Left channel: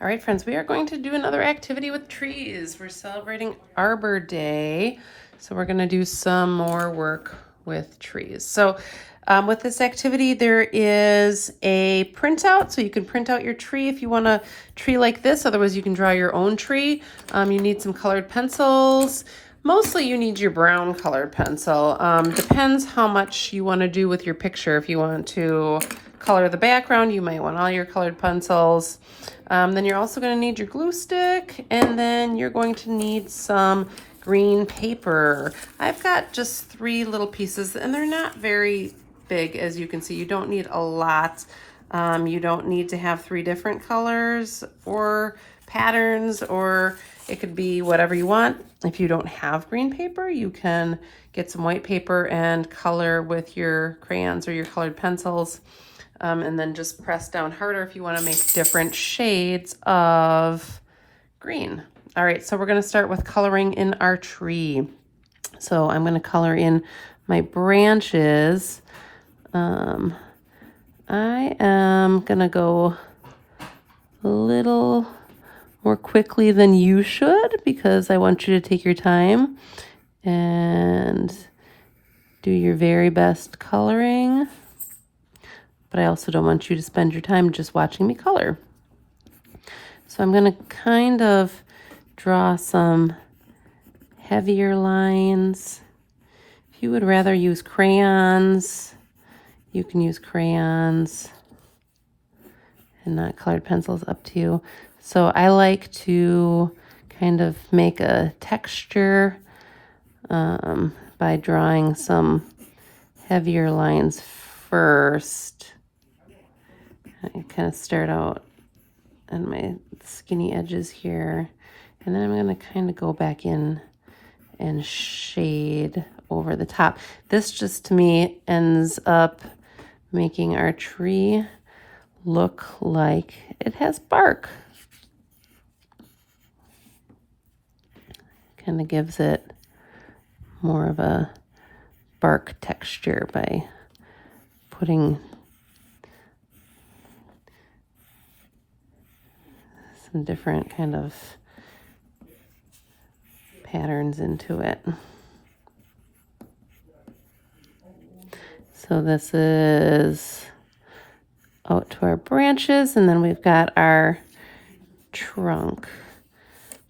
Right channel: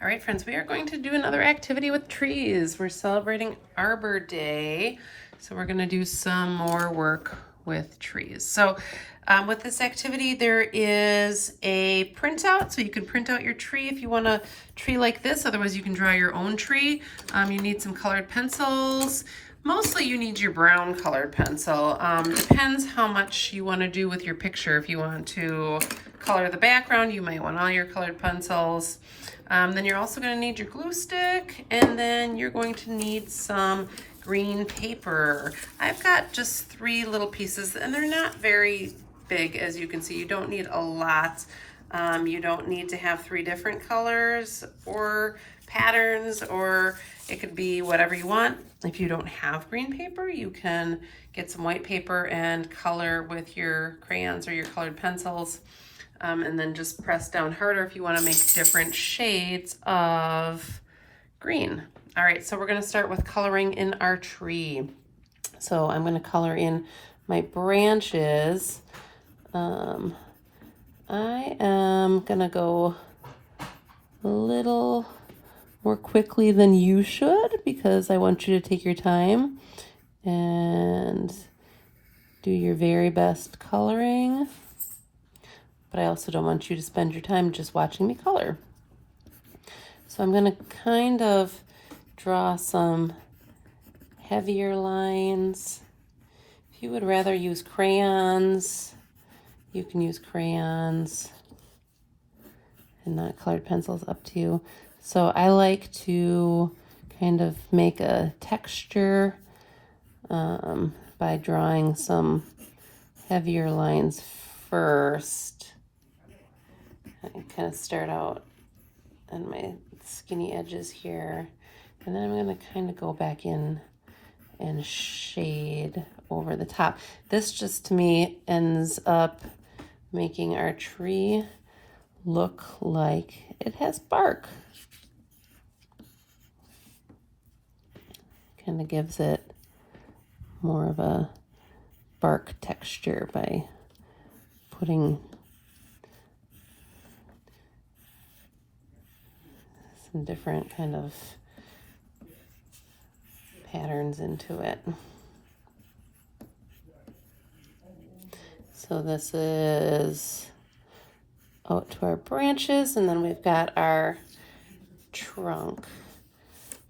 All right, friends, we are going to do another activity with trees. We're celebrating Arbor Day, so we're going to do some more work with trees. So with this activity, there is a printout, so you can print out your tree if you want a tree like this. Otherwise, you can draw your own tree. You need some colored pencils. Mostly you need your brown colored pencil. Depends how much you want to do with your picture. If you want to color the background, you might want all your colored pencils. Then you're also going to need your glue stick, and then you're going to need some green paper. I've got just 3 little pieces, and they're not very big, as you can see. You don't need a lot. You don't need to have 3 different colors or patterns, or it could be whatever you want. If you don't have green paper, you can get some white paper and color with your crayons or your colored pencils. And then just press down harder if you want to make different shades of green. All right, so we're going to start with coloring in our tree. So I'm going to color in my branches. I am going to go a little more quickly than you should because I want you to take your time and do your very best coloring. But I also don't want you to spend your time just watching me color. So I'm going to kind of draw some heavier lines. If you would rather use crayons, you can use crayons and not colored pencils, up to you. So I like to kind of make a texture by drawing some heavier lines first. I kind of start out on my skinny edges here, and then I'm going to kind of go back in and shade over the top. This just to me ends up making our tree look like it has bark. Kind of gives it more of a bark texture by putting some different kind of patterns into it. So this is out to our branches, and then we've got our trunk.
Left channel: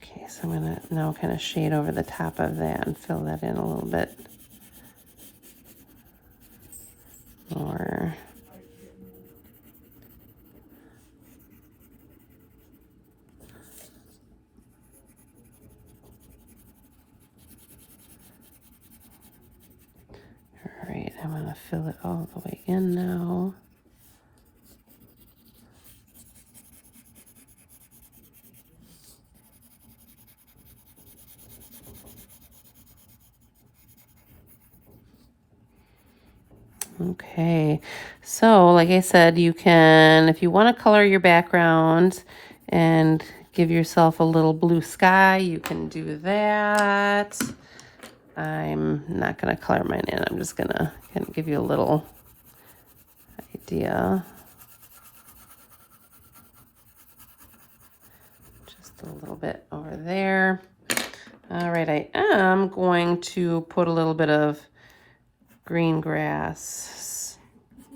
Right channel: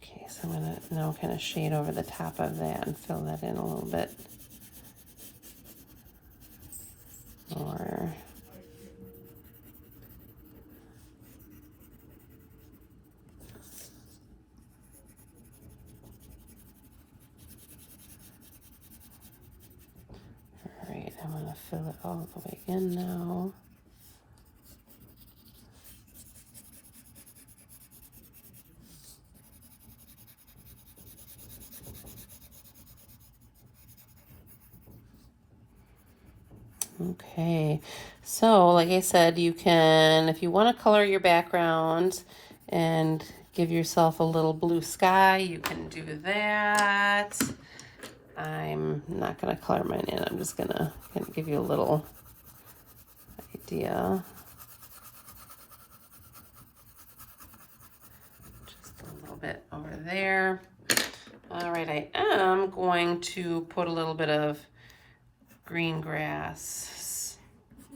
Okay, so I'm gonna now kind of shade over the top of that and fill that in a little bit more. All right, I'm gonna fill it all the way in now. Okay, so like I said, you can, if you want to color your background and give yourself a little blue sky, you can do that. I'm not going to color mine in. I'm just going to kind of give you a little idea. Just a little bit over there. All right, I am going to put a little bit of green grass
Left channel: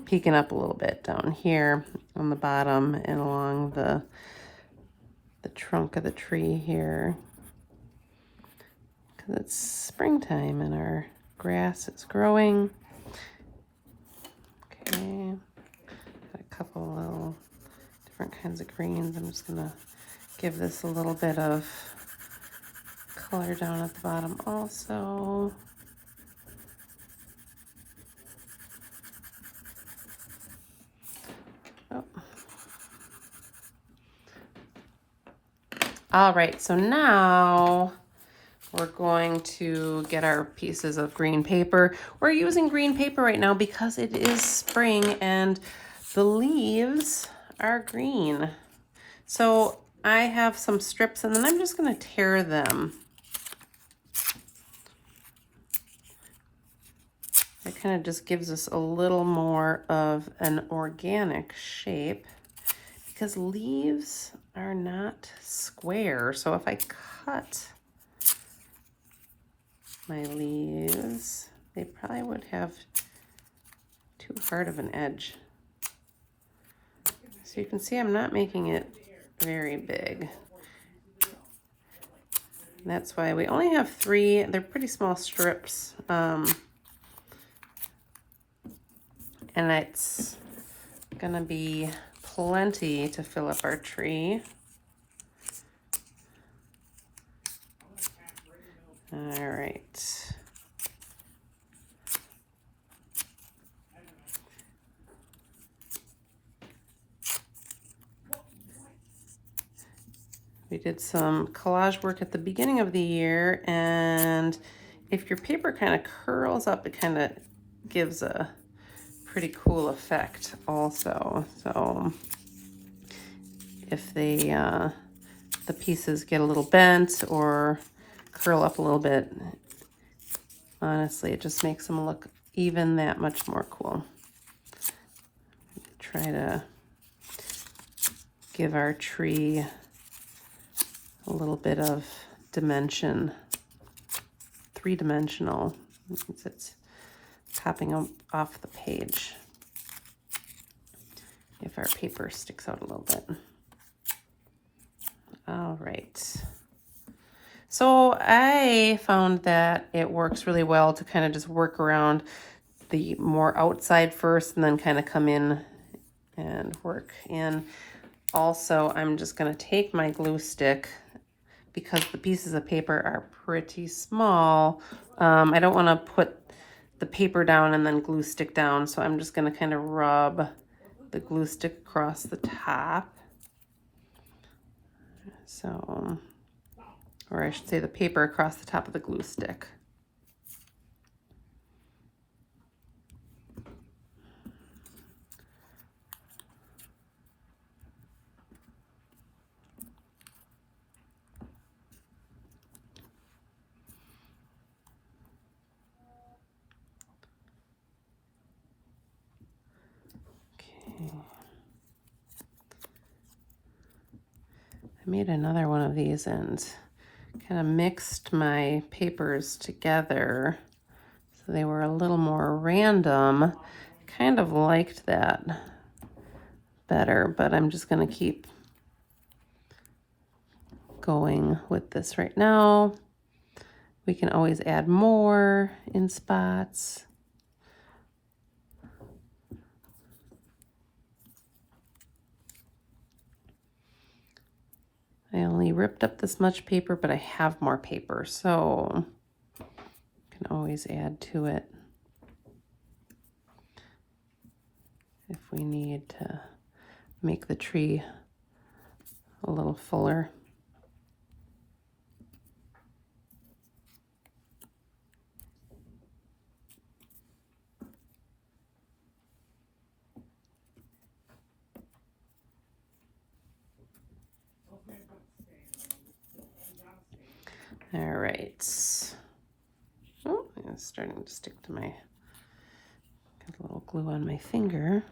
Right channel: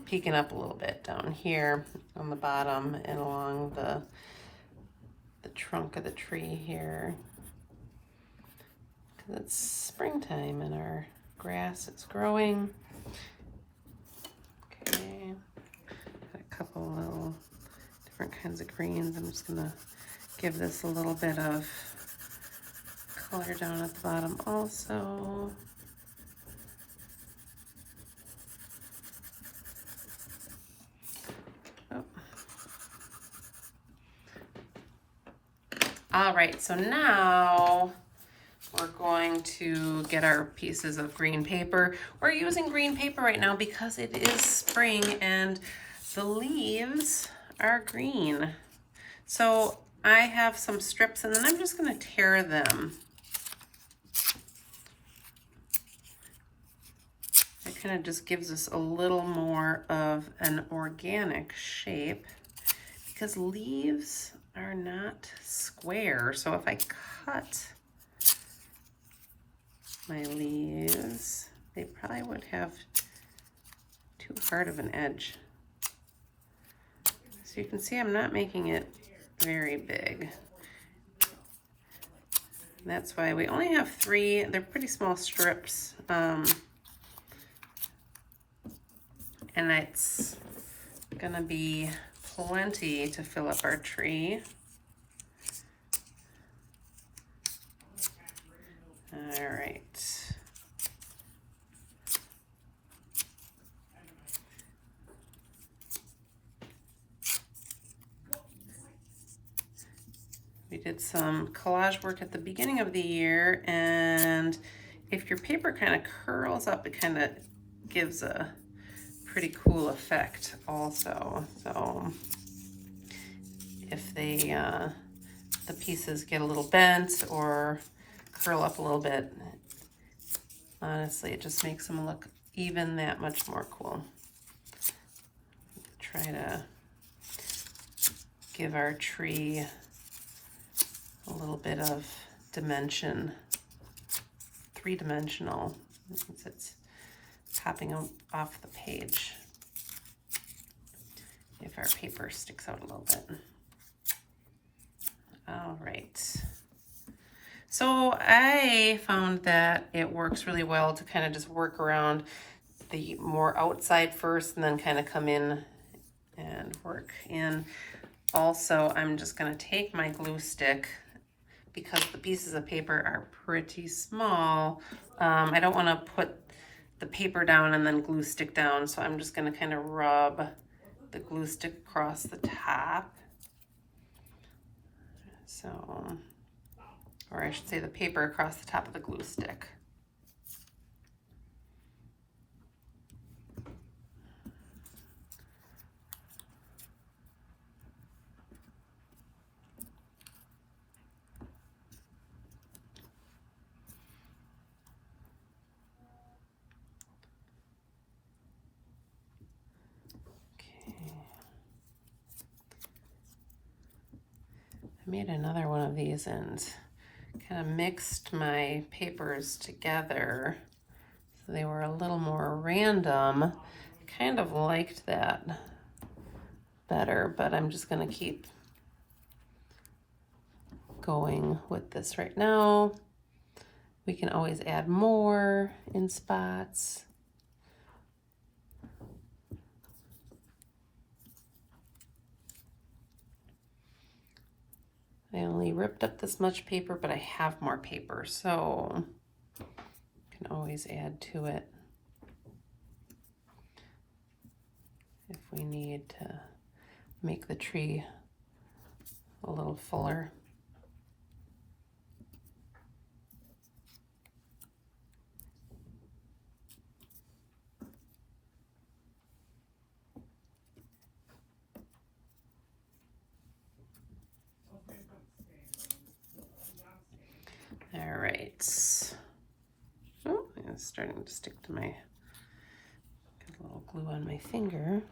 peeking up a little bit down here on the bottom and along the trunk of the tree here, because it's springtime and our grass is growing. Okay, got a couple little different kinds of greens. I'm just gonna give this a little bit of color down at the bottom also. All right, so now we're going to get our pieces of green paper. We're using green paper right now because it is spring and the leaves are green. So I have some strips and then I'm just gonna tear them. It kind of just gives us a little more of an organic shape because leaves are not square. So if I cut my leaves, they probably would have too hard of an edge. So you can see I'm not making it very big. And that's why we only have 3. They're pretty small strips. And it's gonna be plenty to fill up our tree. All right. We did some collage work at the beginning of the year, and if your paper kind of curls up, it kind of gives a pretty cool effect also. So if they the pieces get a little bent or curl up a little bit, honestly, it just makes them look even that much more cool. Try to give our tree a little bit of dimension, 3-dimensional, since it's popping off the page if our paper sticks out a little bit. All right. So I found that it works really well to kind of just work around the more outside first and then kind of come in and work in. Also, I'm just going to take my glue stick, because the pieces of paper are pretty small. I don't want to put the paper down and then glue stick down, so I'm just going to kind of rub the glue stick across the top. So, or I should say the paper across the top of the glue stick. I made another one of these and kind of mixed my papers together so they were a little more random. I kind of liked that better, but I'm just going to keep going with this right now. We can always add more in spots. I only ripped up this much paper, but I have more paper, so you can always add to it if we need to make the tree a little fuller. All right. Oh, it's starting to stick to my, got a little glue on my finger.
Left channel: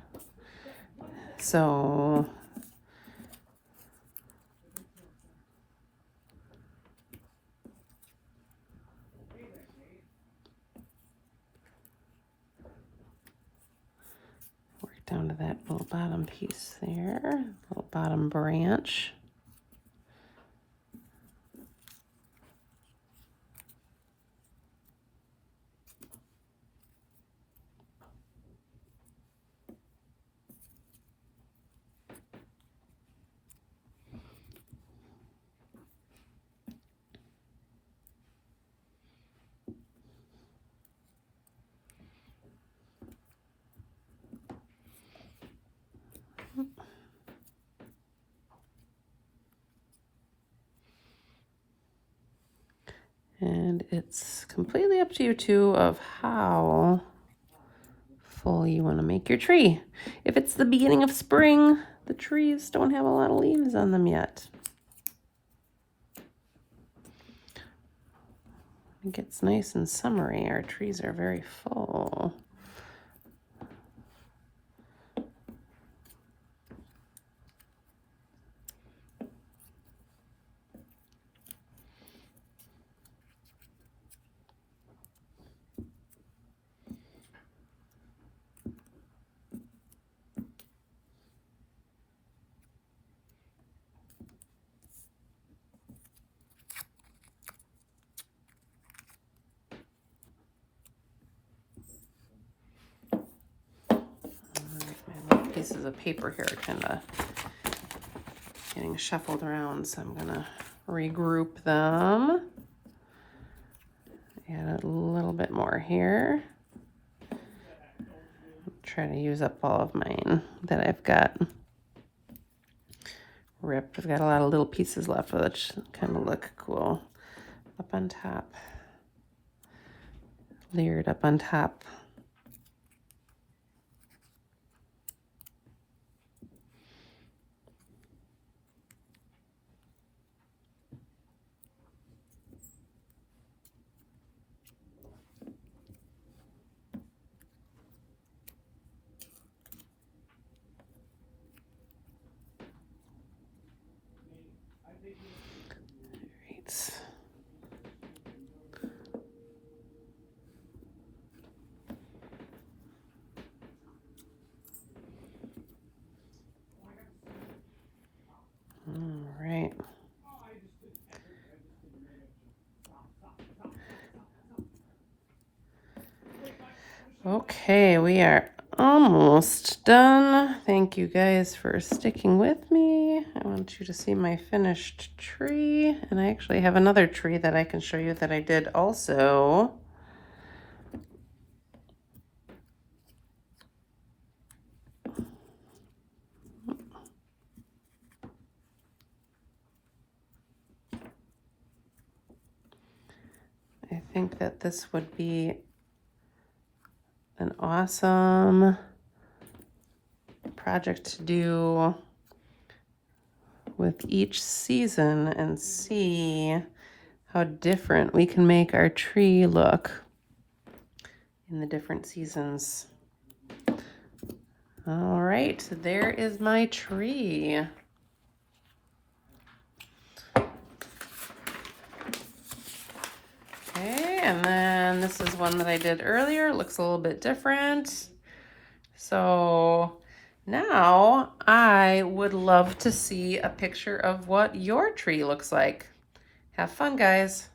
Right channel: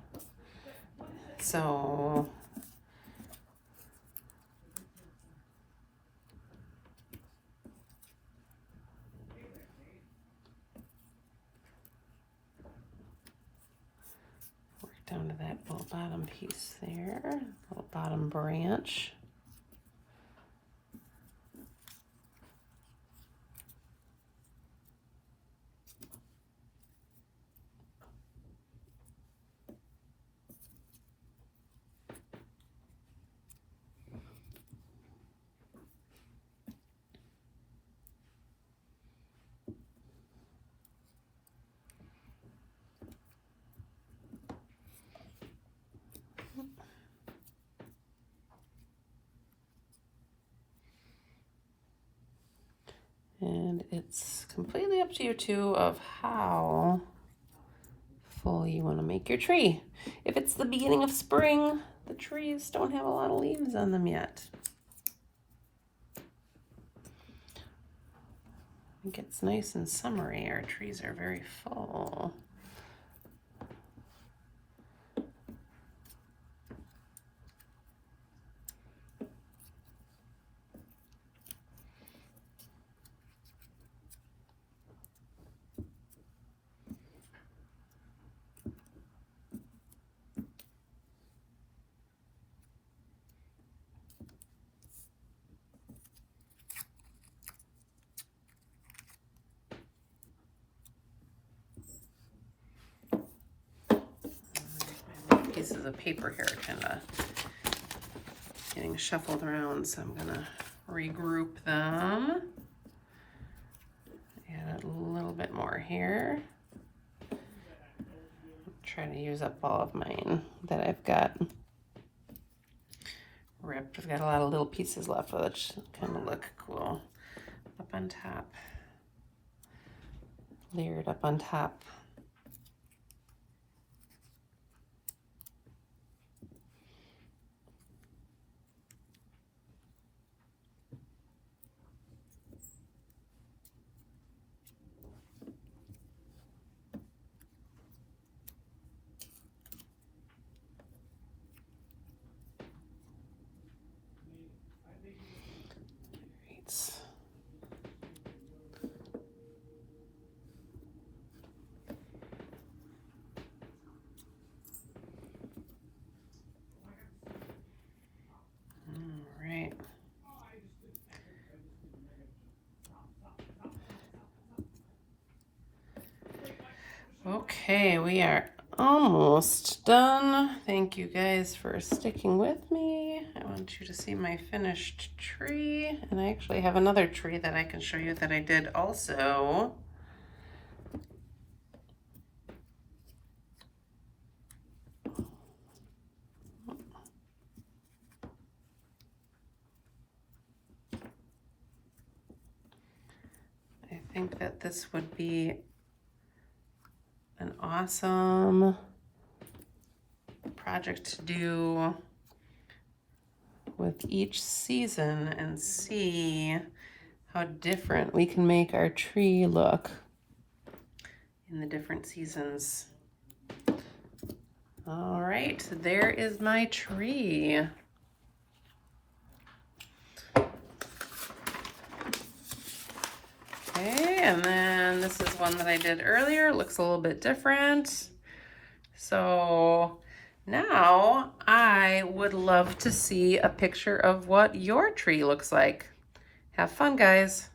So work down to that little bottom piece there, little bottom branch. And it's completely up to you too of how full you want to make your tree. If it's the beginning of spring, the trees don't have a lot of leaves on them yet. It gets nice and summery. Our trees are very full. pieces of paper here are kind of getting shuffled around, so I'm gonna regroup them. Add a little bit more here. Try to use up all of mine that I've got ripped. I've got a lot of little pieces left, which kind of look cool. Up on top, layered up on top. Okay, we are almost done. Thank you guys for sticking with me. I want you to see my finished tree. And I actually have another tree that I can show you that I did also. I think that this would be an awesome project to do with each season and see how different we can make our tree look in the different seasons. All right, there is my tree. Okay, and then this is one that I did earlier. It looks a little bit different. So now I would love to see a picture of what your tree looks like. Have fun, guys.